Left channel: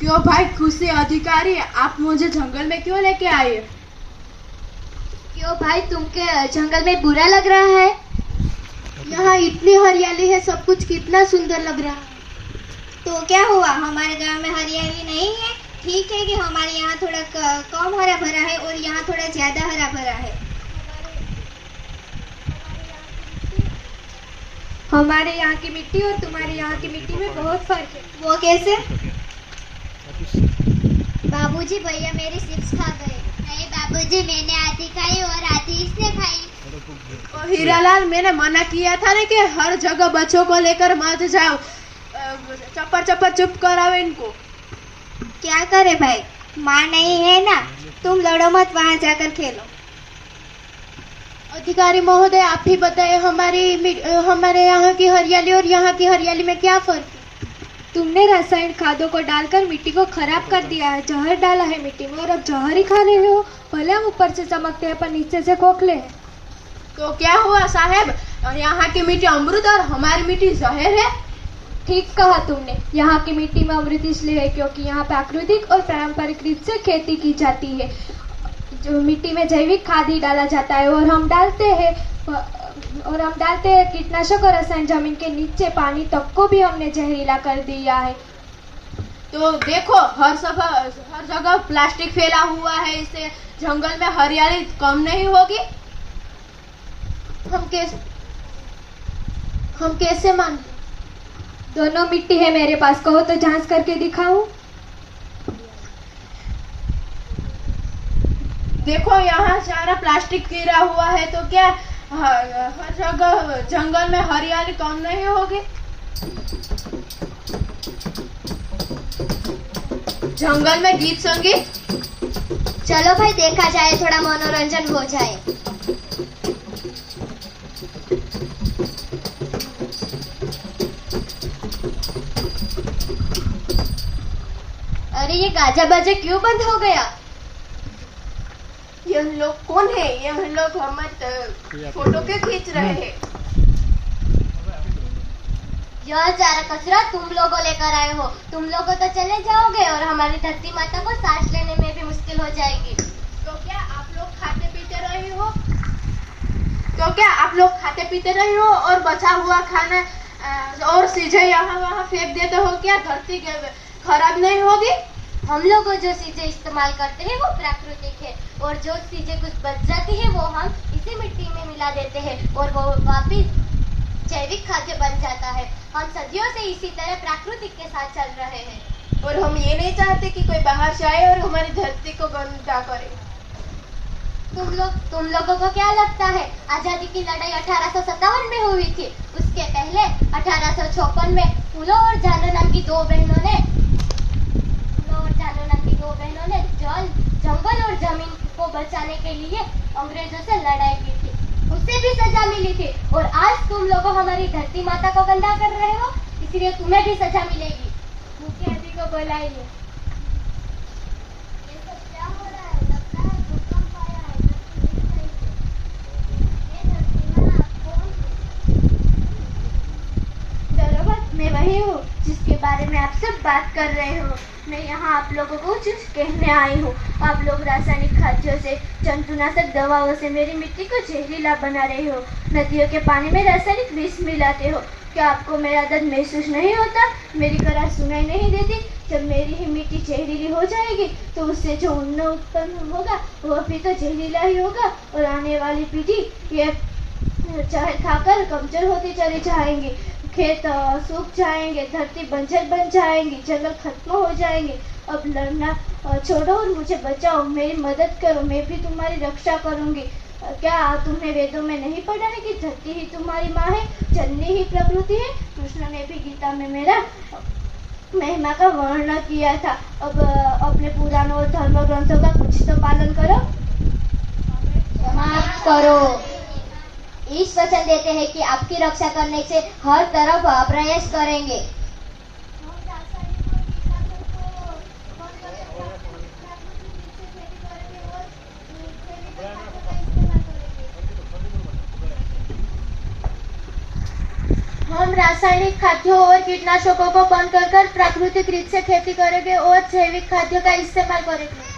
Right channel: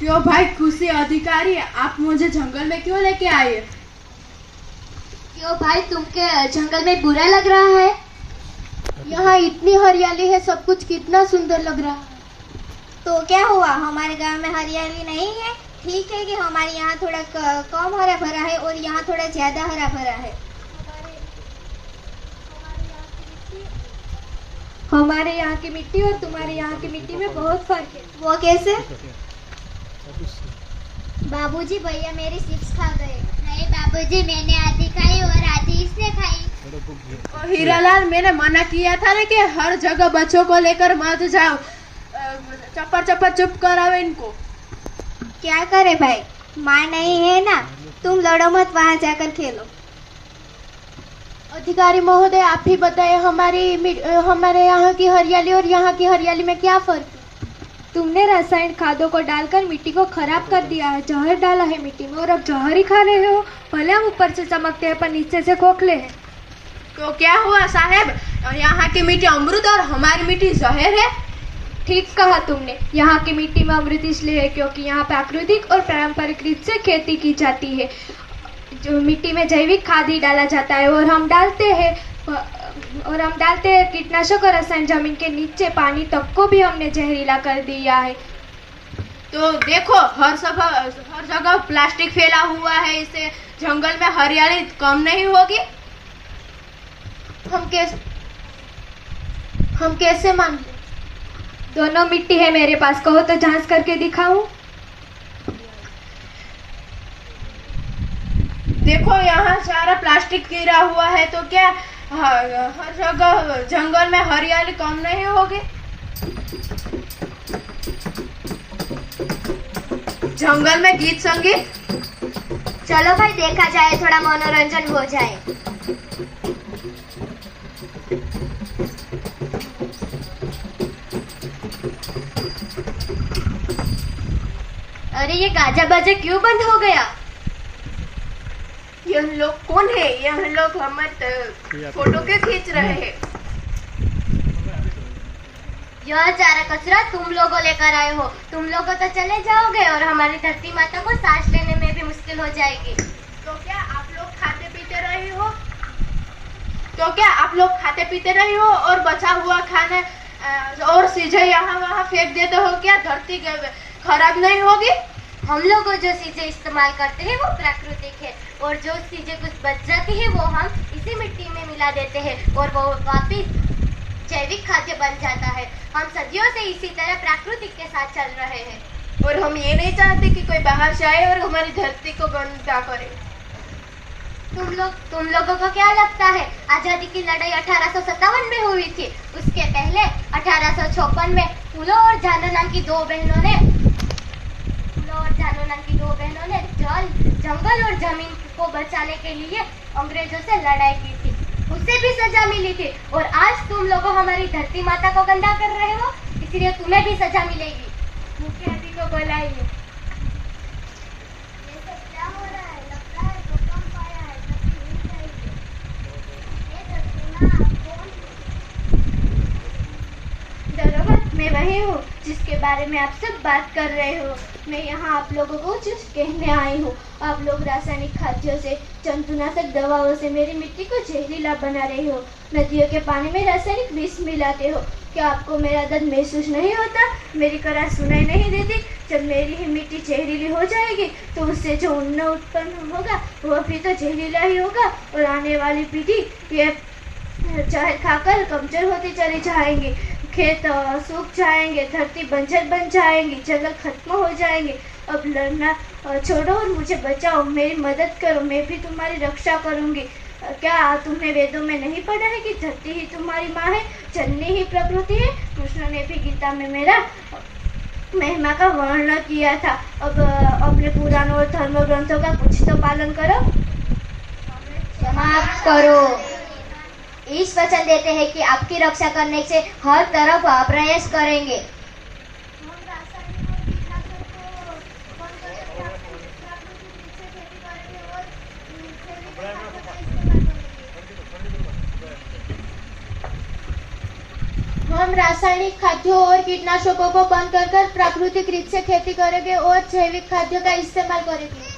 क्यों भाई खुशी अधिकारी, आप मुझे जंगल में क्यों लेके आए? क्यों भाई, तुमके जंगल में बुरा लग रहा है? यहाँ इतनी हरियाली है, सब कुछ कितना सुंदर लग रहा है। तो क्या हुआ, हमारे गांव में हरियाली नहीं है? ठीक है कि हमारे यहाँ थोड़ा कम हरा भरा है और यहाँ थोड़ा ज्यादा हरा भरा है। हमारे यहाँ की मिट्टी और तुम्हारे यहाँ की मिट्टी में बहुत फर्क है। वो कैसे? बाबूजी, भैया मेरी चिप्स खा गए। नहीं बाबूजी, मैंने आधी खाई और आधी इसने खाई। और हीरालाल, मैंने मना किया था ना कि हर जगह बच्चों को लेकर मत जाओ। चप्पर चप्पर चुप कराओ इनको। क्या करे भाई, माँ नहीं है ना, तुम लड़ो मत, वहाँ जाकर खेलो। अधिकारी महोदय, आप ही बताए, हमारे यहाँ की हरियाली और यहाँ की हरियाली में क्या फर्क है? तुमने रासायनिक खादों को डालकर मिट्टी को खराब कर दिया है, जहर डाला है मिट्टी में, और अब जहर ही खा रहे हो। भले हम ऊपर से चमकते हैं पर नीचे से खोखले हैं। तो क्या हुआ साहब, यहाँ की मिट्टी अमृत और हमारी मिट्टी जहर है? ठीक कहा तुमने, यहाँ की मिट्टी में अमृत इसलिए है क्योंकि यहाँ प्राकृतिक और पारंपरिक रीत से खेती की जाती है। जो मिट्टी में जैविक खाद ही डाला जाता है और हम डालते हैं कीटनाशक और रसायन। जमीन के नीचे पानी तक को भी हमने जहरीला कर दिया है। तो देखो, हर जगह प्लास्टिक फैला हुआ है, इससे जंगल में हरियाली कम नहीं होगी। हम कैसे मान लें? दोनों मिट्टी है मेरे पास, कहो तो जांच करके दिखाऊं? देखो, यहाँ सारा प्लास्टिक गिरा हुआ है, तो क्या हर जगह जंगल में हरियाली कम नहीं होगी? जंगल में गीत संगीत। चलो भाई, देखा जाए, थोड़ा मनोरंजन हो जाए। अरे ये गाजा बाजा क्यों बंद हो गया? यह लोग कौन है? यह लोग हमारे फोटो क्यों खींच रहे हैं? यह सारा कचरा तुम लोगों लेकर आए हो। तुम लोगों तो चले जाओगे और हमारी धरती माता को सांस लेने में भी मुश्किल हो जाएगी। तो क्या आप लोग खाते पीते रहे हो और बचा हुआ खाना और चीजें यहाँ वहाँ फेंक देते हो? क्या धरती खराब नहीं होगी? हम लोग जो चीजें इस्तेमाल करते हैं वो प्राकृतिक है, और जो चीजें कुछ बच जाती है वो हम इसी मिट्टी में मिला देते हैं और वो वापिस जैविक खाद्य बन जाता है। हम सदियों से इसी तरह प्राकृतिक के साथ चल रहे हैं, और हम ये नहीं चाहते कि कोई बाहर से आए और हमारी धरती को गंदा करे। तुम लोगों को क्या लगता है आजादी की लड़ाई 1857 में हुई थी? उसके पहले 1856 में फूलो और जानो नाम की दो बहनों ने जंगल और जमीन को बचाने के लिए अंग्रेजों से लड़ाई की थी। उसे भी सजा मिली थी, और आज तुम लोग हमारी धरती माता को गंदा कर रहे हो, इसलिए तुम्हें भी सजा मिलेगी। मुख्यमंत्री को बुलाइए। ये सब क्या हो रहा है? लगता है भूकंप आया है। धरती हिल रही है। ये धरती माँ कौन है? दरोगा, मैं वही हूँ जिसके बारे में आप सब बात कर रहे हो। मैं यहाँ आप लोगों को कुछ कहने आई हूँ। आप लोग रासायनिक खाद्यों से, जंतुनाशक दवाओं से मेरी मिट्टी को जहरीला बना रहे हो। नदियों के पानी में रासायनिक विष मिलाते हो। क्या आपको मेरा दर्द महसूस नहीं होता? मेरी करार सुनाई नहीं देती? जब मेरी ही मिट्टी जहरीली हो जाएगी तो उससे जो अन्न उत्पन्न होगा वह भी तो जहरीला ही होगा, और आने वाली पीढ़ी ये जहर खाकर कमजोर होती चली जाएंगी। खेत सूख जाएंगे, धरती बंजर बन जाएंगी, जंगल खत्म हो जाएंगे। अब लड़ना छोड़ो और मुझे बचाओ, मेरी मदद करो, मैं भी तुम्हारी रक्षा करूंगी। क्या तुमने वेदों में नहीं पढ़ा है कि धरती ही तुम्हारी माँ है, जननी ही प्रकृति है? कृष्ण ने भी गीता में मेरा महिमा का वर्णन किया था। अब अपने पुराणों और धर्म ग्रंथों का कुछ तो पालन करो। समाप्त करो। इस वचन देते हैं कि आपकी रक्षा करने से हर तरफ प्रयास करेंगे। हम रासायनिक और कीटनाशक को बंद करके प्राकृतिक रूप से खेती करेंगे और जैविक खाद्य का इस्तेमाल करेंगे। हम रासायनिक खाद्यों और कीटनाशकों को बंद कर प्राकृतिक रीत से खेती करेंगे और जैविक खाद्य का इस्तेमाल करेंगे।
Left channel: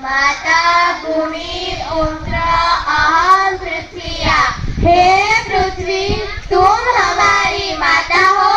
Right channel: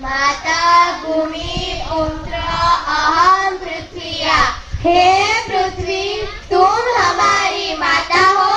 माता भूमि उम्र अहम पृथ्वी। हे पृथ्वी, तुम हमारी माता हो